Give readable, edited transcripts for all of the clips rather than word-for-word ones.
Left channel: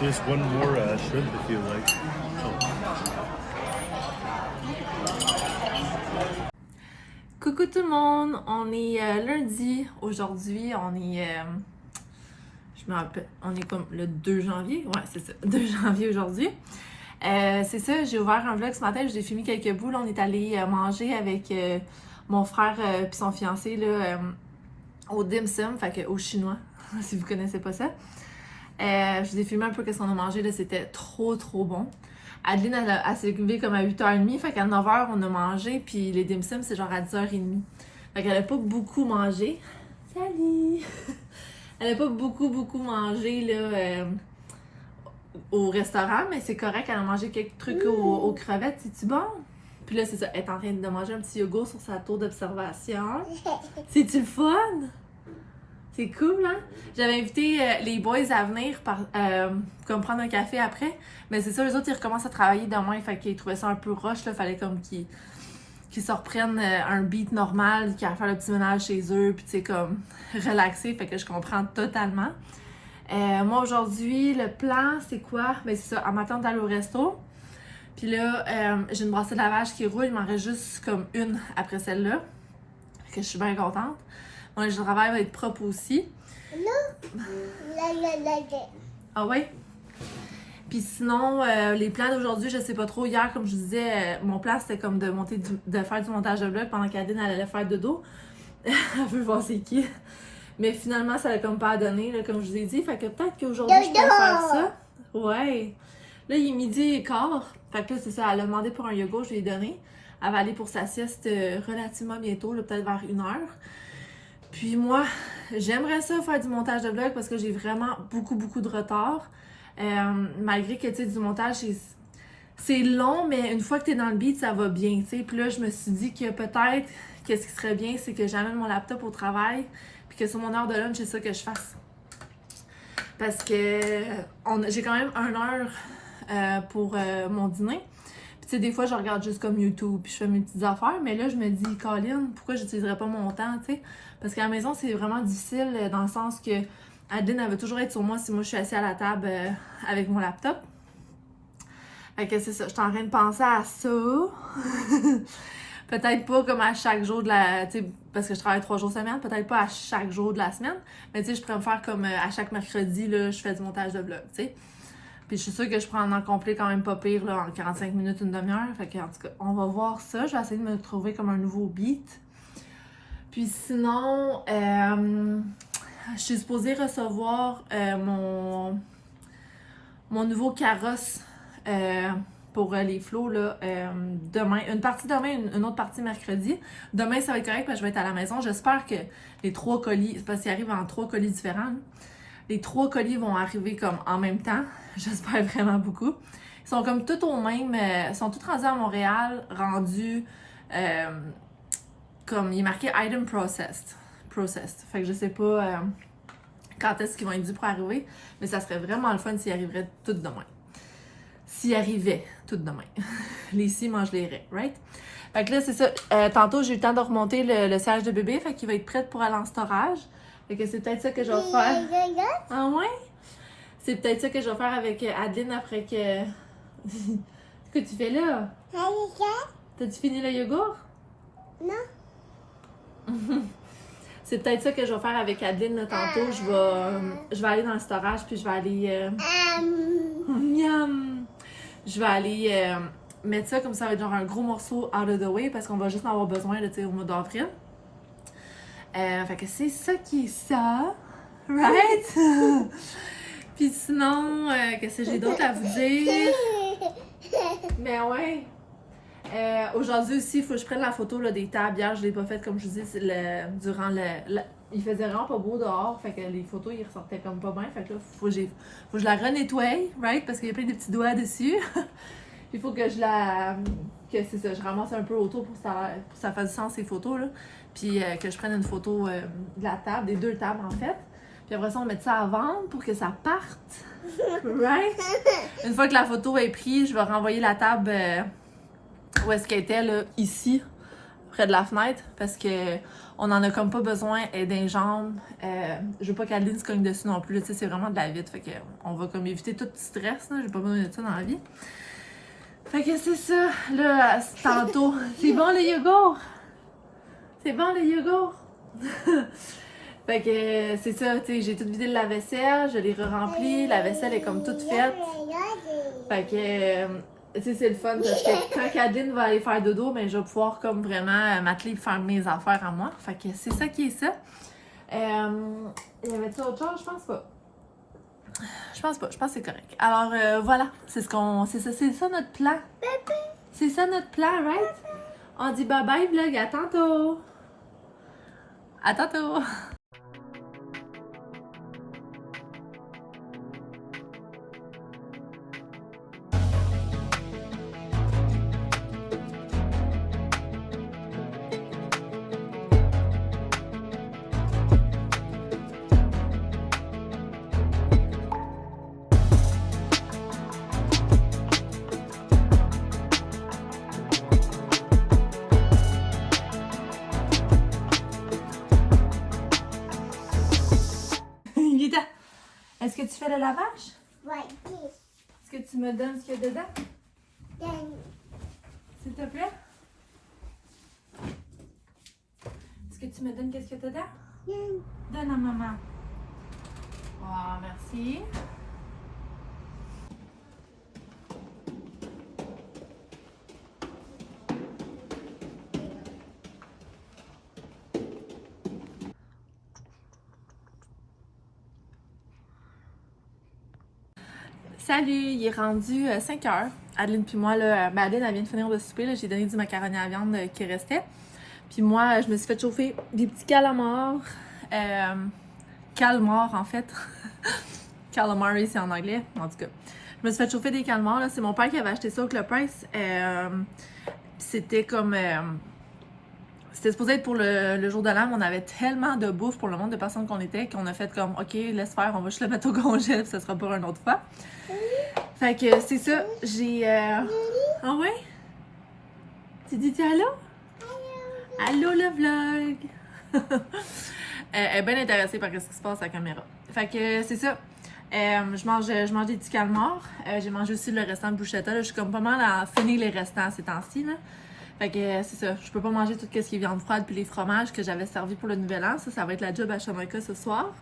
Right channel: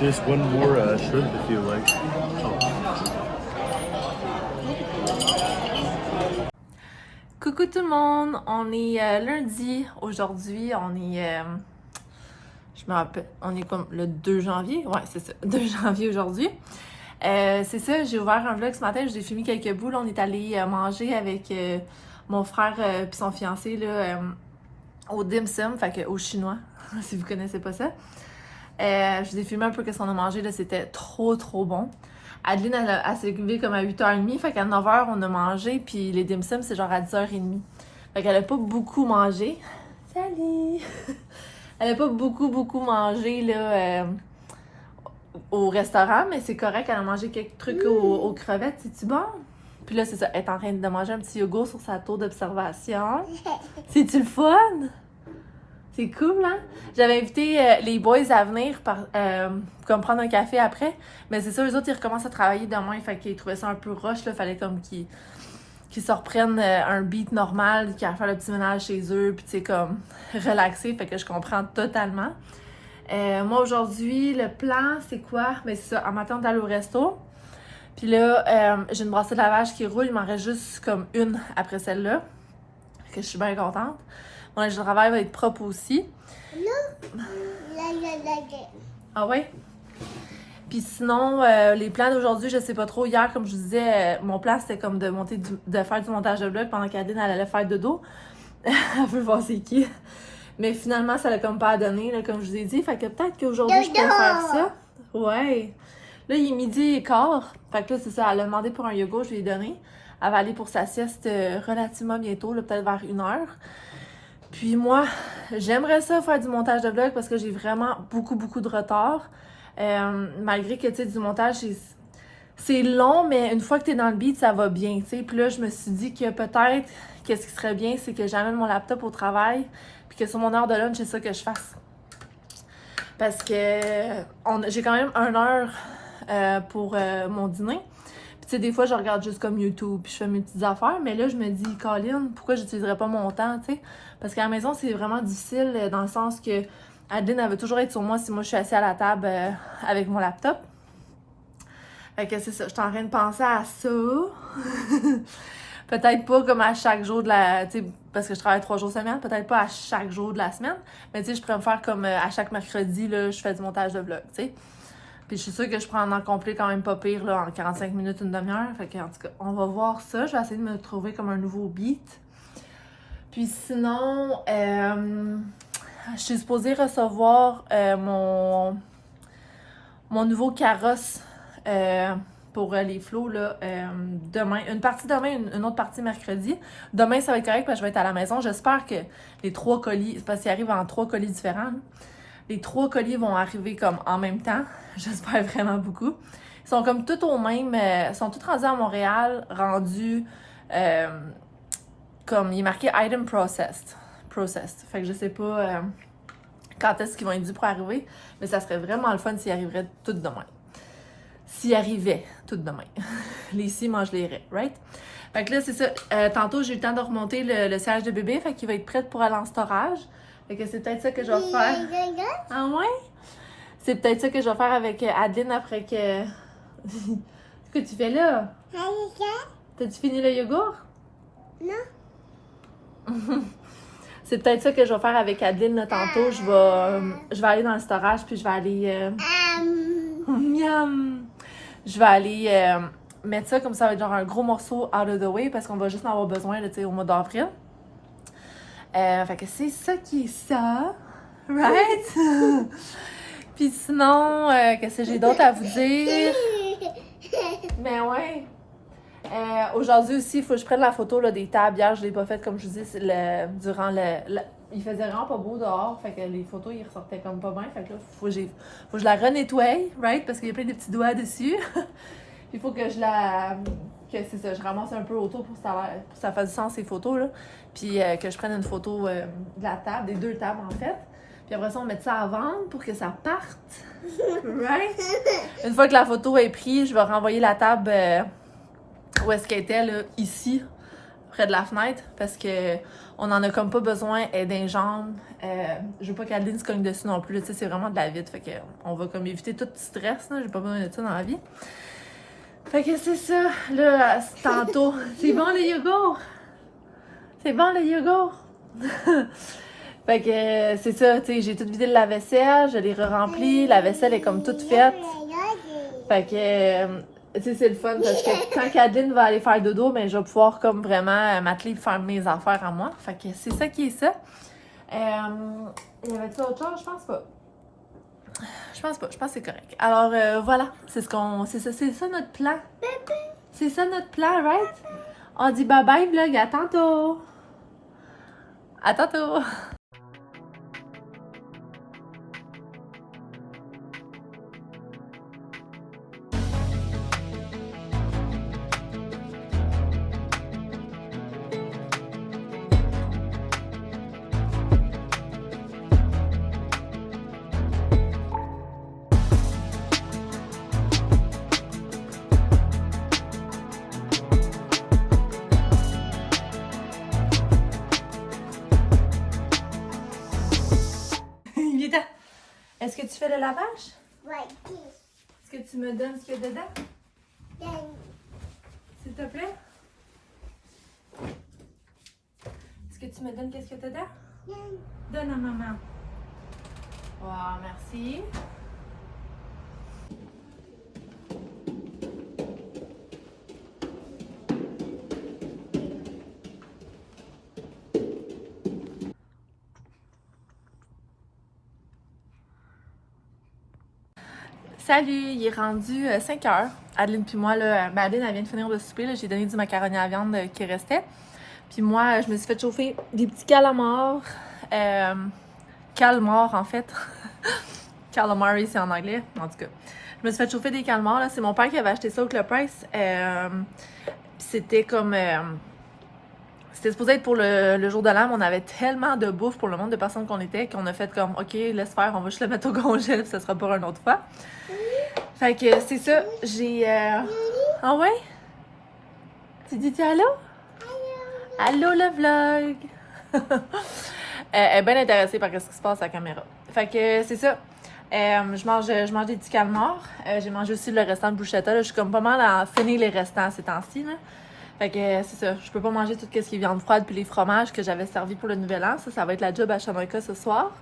Just one more shrimp if you like. Coucou tout le monde, on est lundi aujourd'hui, je me rappelle, on est comme le 2 janvier, ouais c'est ça, 2 janvier aujourd'hui. C'est ça, j'ai ouvert un vlog ce matin, j'ai filmé quelques bouts, là, on est allé manger avec mon frère puis son fiancé là, au dim sum, fait que au chinois, si vous connaissez pas ça. Je vous ai filmé un peu ce qu'on a mangé, là, c'était trop bon. Adeline, elle s'est levée comme à 8h30, fait qu'à 9h, on a mangé, puis les dim sum, c'est genre à 10h30. Fait qu'elle a pas beaucoup mangé. Salut! Elle a pas beaucoup mangé, là, au restaurant, mais c'est correct, elle a mangé quelques trucs aux crevettes, c'est-tu bon? Puis là, c'est ça, elle est en train de manger un petit yogourt sur sa tour d'observation. C'est-tu le fun? C'est cool, hein? J'avais invité les boys à venir comme prendre un café après. Mais c'est ça, eux autres, ils recommencent à travailler demain. Fait qu'ils trouvaient ça un peu rush, là. Fallait comme qu'ils se reprennent un beat normal, qu'ils aillent faire le petit ménage chez eux, puis tu sais, comme relaxer. Fait que je comprends totalement. Moi, aujourd'hui, le plan, c'est quoi? Ben, c'est ça, en m'attendant d'aller au resto. Puis là, j'ai une brassée de lavage qui roule. Il m'en reste juste comme une après celle-là. Fait que je suis bien contente. Mon linge de travail va être propre aussi. Ah ouais? Puis sinon, les plans d'aujourd'hui, je sais pas trop. Hier, comme je vous disais, mon plan c'était comme de faire du montage de vlog pendant qu'Adeline allait faire dodo. Elle veut voir c'est qui. Mais finalement, ça l'a comme pas donné, là, comme je vous ai dit. Fait que peut-être qu'aujourd'hui, je peux faire ça. Ouais. Là, il est 12h15. Fait que là, c'est ça. Elle a demandé pour un yoga, je lui ai donné. Elle va aller pour sa sieste relativement bientôt, là, peut-être vers 1h. Puis moi, j'aimerais ça faire du montage de vlog parce que j'ai vraiment beaucoup de retard. Malgré que, tu sais, du montage, c'est long, mais une fois que t'es dans le beat, ça va bien, tu sais. Puis là, je me suis dit que peut-être, qu'est-ce qui serait bien, c'est que j'amène mon laptop au travail, puis que sur mon heure de lunch, c'est ça que je fasse. Parce que j'ai quand même 1 heure pour mon dîner. Puis tu sais, des fois, je regarde juste comme YouTube, puis je fais mes petites affaires. Mais là, je me dis, Colin, pourquoi j'utiliserais pas mon temps, tu sais? Parce qu'à la maison, c'est vraiment difficile dans le sens que Adeline, elle veut toujours être sur moi si moi je suis assise à la table avec mon laptop. Fait que c'est ça, je suis en train de penser à ça. Peut-être pas comme à chaque jour de la... Tu sais, parce que je travaille 3 jours semaine, peut-être pas à chaque jour de la semaine. Mais tu sais, je pourrais me faire comme à chaque mercredi, là, je fais du montage de vlog, tu sais. Puis je suis sûre que je prends en complet quand même pas pire, là, en 45 minutes, une demi-heure. Fait que, en tout cas, on va voir ça. Je vais essayer de me trouver comme un nouveau beat. Puis sinon, je suis supposée recevoir mon nouveau carrosse pour les flots là, demain. Une partie demain, une autre partie mercredi. Demain, ça va être correct parce que je vais être à la maison. J'espère que les 3 colis, c'est parce qu'ils arrivent en 3 colis différents. Les 3 colis vont arriver comme en même temps. J'espère vraiment beaucoup. Ils sont comme tous au même... ils sont tous rendus à Montréal, rendus... comme il est marqué Item Processed. Fait que je sais pas quand est-ce qu'ils vont être dû pour arriver, mais ça serait vraiment le fun s'ils arriveraient tout demain. S'ils arrivaient tout demain. Les scies mangent les raies, right? Fait que là, c'est ça. Tantôt, j'ai eu le temps de remonter le siège de bébé, fait qu'il va être prêt pour aller en storage. Fait que c'est peut-être ça que je vais faire. Ah ouais? C'est peut-être ça que je vais faire avec Adeline après que... Qu'est-ce que tu fais là? T'as-tu fini le yogourt? Non. C'est peut-être ça que je vais faire avec Adeline là, tantôt. Je vais aller dans le storage puis je vais aller... Miam! Je vais aller mettre ça comme ça va être genre un gros morceau out of the way parce qu'on va juste en avoir besoin là, au mois d'avril. Fait que c'est ça qui est ça. Right? Puis sinon, qu'est-ce que j'ai d'autre à vous dire? Mais ouais. Aujourd'hui aussi, il faut que je prenne la photo là, des tables. Hier, je l'ai pas faite comme je vous dis, durant il faisait vraiment pas beau dehors, fait que les photos, ils ressortaient comme pas bien. Fait que là, faut que je la renettoie, right? Parce qu'il y a plein de petits doigts dessus. Il faut que c'est ça, je ramasse un peu autour pour que ça fasse du sens ces photos, là. Puis que je prenne une photo de la table, des 2 tables en fait. Puis après ça, on met ça à vendre pour que ça parte. Right? Une fois que la photo est prise, je vais renvoyer la table où est-ce qu'elle était, là, ici. près de la fenêtre parce que on en a comme pas besoin, elle est dans les jambes. Je veux pas qu'Adeline se cogne dessus non plus, tu sais, c'est vraiment de la vide. Fait que on va comme éviter tout stress, là. J'ai pas besoin de ça dans la vie. Fait que c'est ça, là, tantôt. C'est bon le yogourt? C'est bon le yogourt? Fait que c'est ça, tu sais, j'ai tout vidé le lave-vaisselle, je l'ai re-rempli, la vaisselle est comme toute faite. Fait que, tu sais, c'est le fun parce que quand Adeline va aller faire dodo, ben je vais pouvoir comme vraiment m'atteler pour faire mes affaires à moi. Fait que c'est ça qui est ça. Y avait-tu autre chose? Je pense pas. Je pense que c'est correct. Alors voilà, c'est ça notre plan. C'est ça notre plan, right? On dit bye bye vlog, à tantôt! À tantôt! Vita, est-ce que tu fais le lavage? Oui. Est-ce que tu me donnes ce qu'il y a dedans? S'il te plaît? Est-ce que tu me donnes qu'est-ce qu'il y a dedans? Donne à maman. Wow, merci. Salut, il est rendu 5 heures. Adeline puis moi, là, ben Adeline, elle vient de finir de souper. J'ai donné du macaroni à viande qui restait. Puis moi, je me suis fait chauffer des petits calamars. Calmars, en fait. Calamari, c'est en anglais. En tout cas, je me suis fait chauffer des calmars. C'est mon père qui avait acheté ça au Club Price. C'était comme... c'était supposé être pour le jour de l'an, mais on avait tellement de bouffe pour le nombre de personnes qu'on était qu'on a fait comme, OK, laisse faire, on va juste le mettre au congèle, ça sera pour une autre fois. Fait que c'est ça, j'ai... Ah ouais? Tu dis allô? Allô le vlog! Elle est bien intéressée par ce qui se passe à la caméra. Fait que c'est ça. Je mange des petits calmars. J'ai mangé aussi le restant de bruschetta. Là. Je suis comme pas mal à finir les restants ces temps-ci. Là. Fait que c'est ça. Je peux pas manger tout ce qui est viande froide puis les fromages que j'avais servi pour le nouvel an. Ça va être la job à Shanoika ce soir.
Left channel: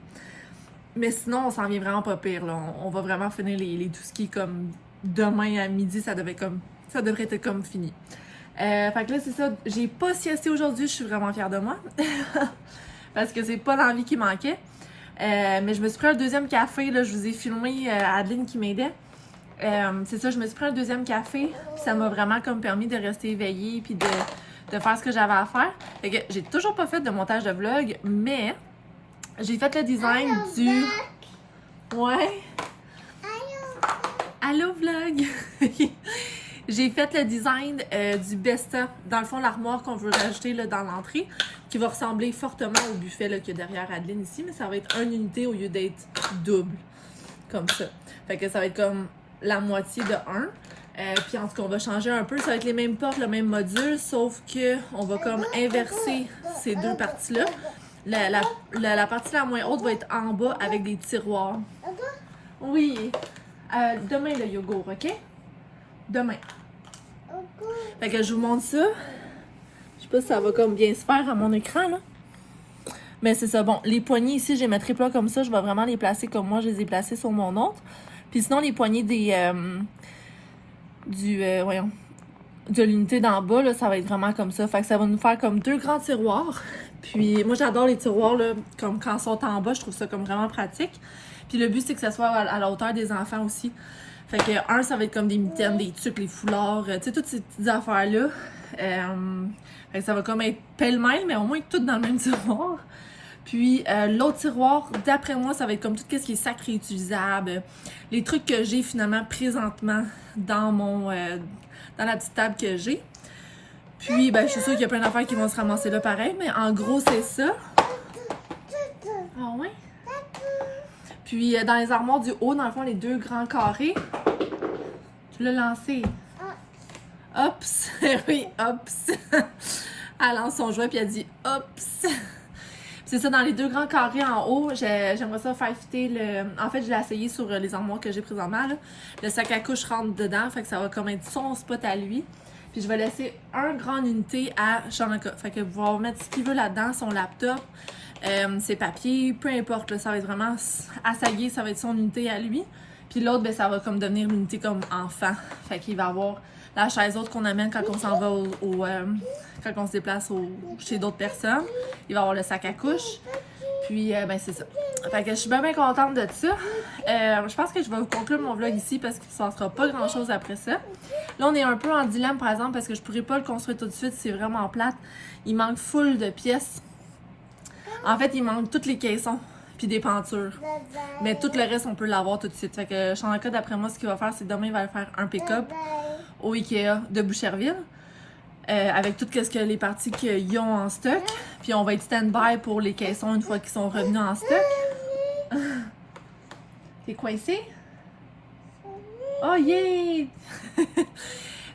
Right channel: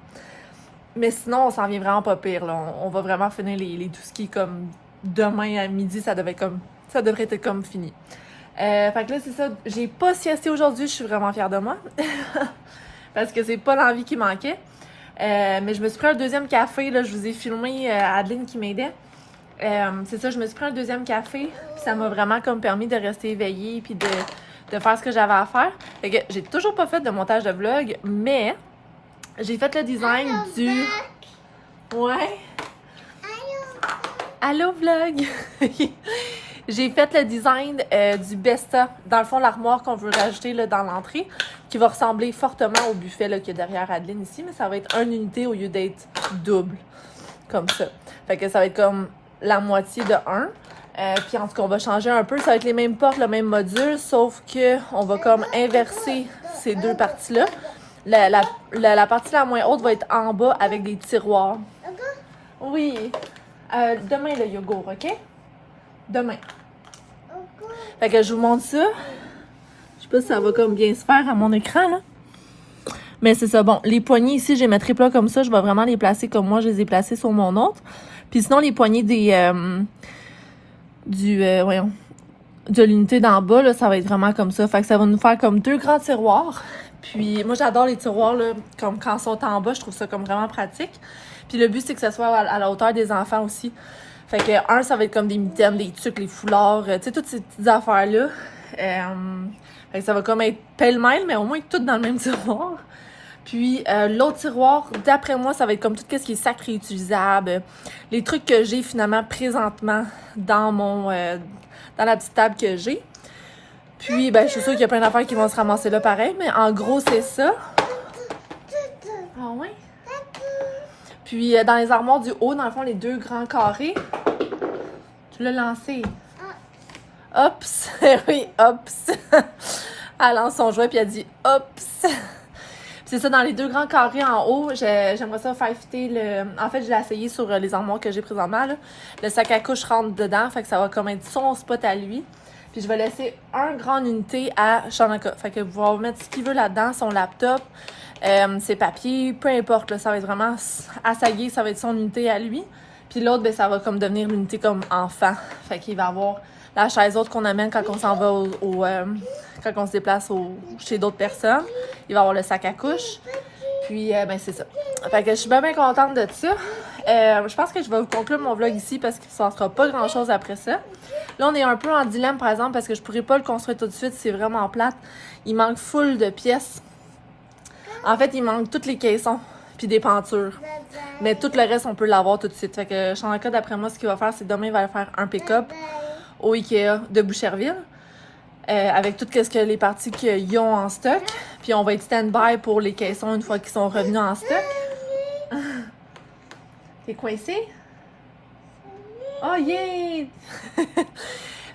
Mais sinon, on s'en vient vraiment pas pire. Là. On va vraiment finir tout ce qui est comme demain à midi. Ça devrait être comme fini. Fait que là, c'est ça. J'ai pas siesté aujourd'hui. Je suis vraiment fière de moi. Parce que c'est pas l'envie qui manquait. Mais je me suis pris un deuxième café. Là, je vous ai filmé Adeline qui m'aidait. C'est ça, je me suis pris un deuxième café. Puis ça m'a vraiment comme permis de rester éveillée puis de faire ce que j'avais à faire. Fait que j'ai toujours pas fait de montage de vlog, mais j'ai fait le design du... Ouais? Allô vlog! J'ai fait le design du Besta. Dans le fond, l'armoire qu'on veut rajouter là, dans l'entrée, qui va ressembler fortement au buffet là, qu'il y a derrière Adeline ici, mais ça va être une unité au lieu d'être double. Comme ça. Fait que ça va être comme la moitié de 1. Puis en tout cas, on va changer un peu. Ça va être les mêmes portes, le même module, sauf que on va comme inverser ces deux parties-là. La partie la moins haute va être en bas avec des tiroirs. Oui. Demain, le yogourt, OK? Demain. Fait que je vous montre ça. Je sais pas si ça va comme bien se faire à mon écran, là. Mais c'est ça. Bon, les poignées ici, je les mettrai pas comme ça. Je vais vraiment les placer comme moi, je les ai placés sur mon autre. Puis sinon, les poignées de l'unité d'en bas, là, ça va être vraiment comme ça. Fait que ça va nous faire comme deux grands tiroirs. Puis moi, j'adore les tiroirs, là, comme quand ils sont en bas. Je trouve ça comme vraiment pratique. Puis le but, c'est que ça soit à la hauteur des enfants aussi. Fait que ça va être comme des mitaines, des tucs, les foulards, tu sais, toutes ces petites affaires-là. Fait que ça va comme être pêle-mêle, mais au moins tout dans le même tiroir. Puis l'autre tiroir, d'après moi, ça va être comme tout ce qui est sac réutilisable. Les trucs que j'ai finalement présentement dans dans la petite table que j'ai. Puis ben je suis sûre qu'il y a plein d'affaires qui vont se ramasser là pareil, mais en gros c'est ça. Ah ouais? Puis dans les armoires du haut, dans le fond, les deux grands carrés. Tu l'as lancé. Oups! Oui, oups! Elle lance son jouet, puis elle dit « Oups! » C'est ça, dans les 2 grands carrés en haut, j'aimerais ça faire fitter le... En fait, je l'ai essayé sur les armoires que j'ai présentement, là. Le sac à couche rentre dedans, fait que ça va comme être son spot à lui. Puis je vais laisser un grande unité à Shanaka. Fait que vous allez mettre ce qu'il veut là-dedans, son laptop, ses papiers, peu importe, là, ça va être vraiment à sa guise, ça va être son unité à lui. Puis l'autre, ben, ça va comme devenir l'unité comme enfant. Fait qu'il va avoir la chaise haute qu'on amène quand on s'en va quand on se déplace chez d'autres personnes. Il va avoir le sac à couche. Puis, ben, c'est ça. Fait que je suis bien contente de ça. Je pense que je vais vous conclure mon vlog ici parce qu'il ne se passera pas grand-chose après ça. Là, on est un peu en dilemme, par exemple, parce que je pourrais pas le construire tout de suite. C'est vraiment plate. Il manque full de pièces. En fait, il manque toutes les caissons puis des pentures. Mais tout le reste, on peut l'avoir tout de suite. Fait que Shanaka, d'après moi, ce qu'il va faire, c'est demain, il va aller faire un pick-up au Ikea de Boucherville. Avec tout ce que les parties qu'ils ont en stock. Puis on va être stand-by pour les caissons une fois qu'ils sont revenus en stock. T'es coincé? Oh yeah!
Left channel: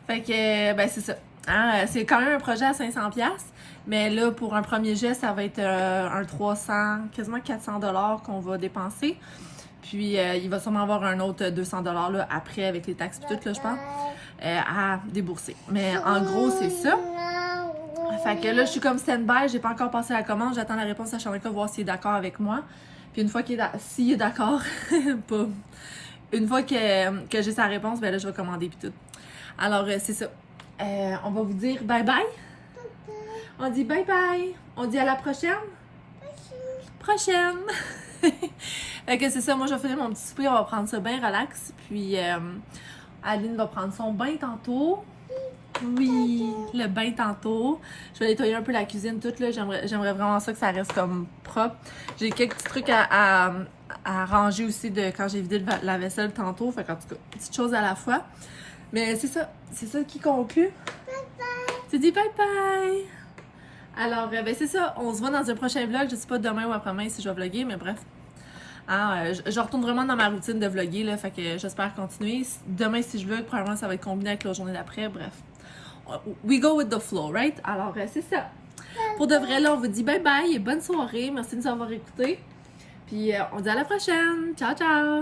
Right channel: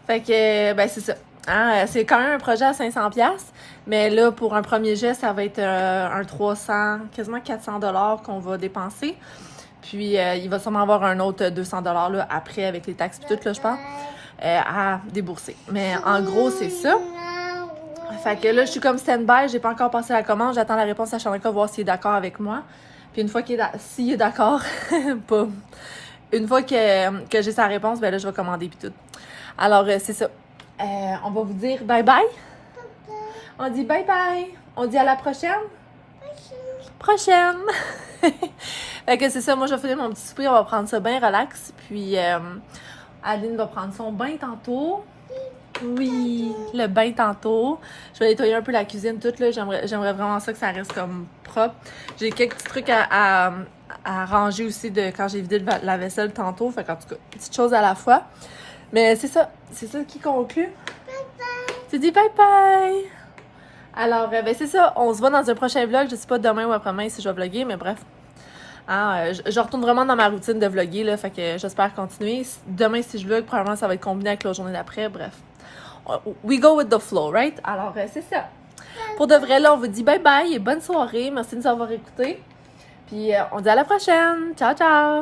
Fait que, ben c'est ça. Hein, c'est quand même un projet à 500$. Mais là, pour un premier jet, ça va être un 300, quasiment 400$ qu'on va dépenser. Puis il va sûrement avoir un autre 200$ là, après avec les taxes et tout, là, je pense. À débourser. Mais en gros, c'est ça. Fait que là, je suis comme stand-by, j'ai pas encore passé la commande, j'attends la réponse à Shanaka, voir s'il est d'accord avec moi. Puis une fois s'il est d'accord, pas. Une fois que j'ai sa réponse, ben là, je vais commander puis tout. Alors, c'est ça. On va vous dire bye-bye. On dit bye-bye. On dit à la prochaine. Prochaine. Fait que c'est ça, moi, je vais faire mon petit souper, on va prendre ça bien relax. Puis, Adeline va prendre son bain tantôt. Oui, le bain tantôt. Je vais nettoyer un peu la cuisine toute là. J'aimerais vraiment ça que ça reste comme propre. J'ai quelques petits trucs à ranger aussi de quand j'ai vidé la vaisselle tantôt. Fait qu'en tout cas, petites choses à la fois. Mais c'est ça qui conclut. Tu dis bye bye. Alors, ben c'est ça. On se voit dans un prochain vlog. Je sais pas demain ou après-demain si je vais vlogger, mais bref. Hein, je retourne vraiment dans ma routine de vlogger, là, fait que j'espère continuer. Demain, si je vlog, probablement ça va être combiné avec la journée d'après, bref. We go with the flow, right? Alors, c'est ça. Pour de vrai, là, on vous dit bye bye et bonne soirée. Merci de nous avoir écoutés. Puis, on dit à la prochaine. Ciao, ciao!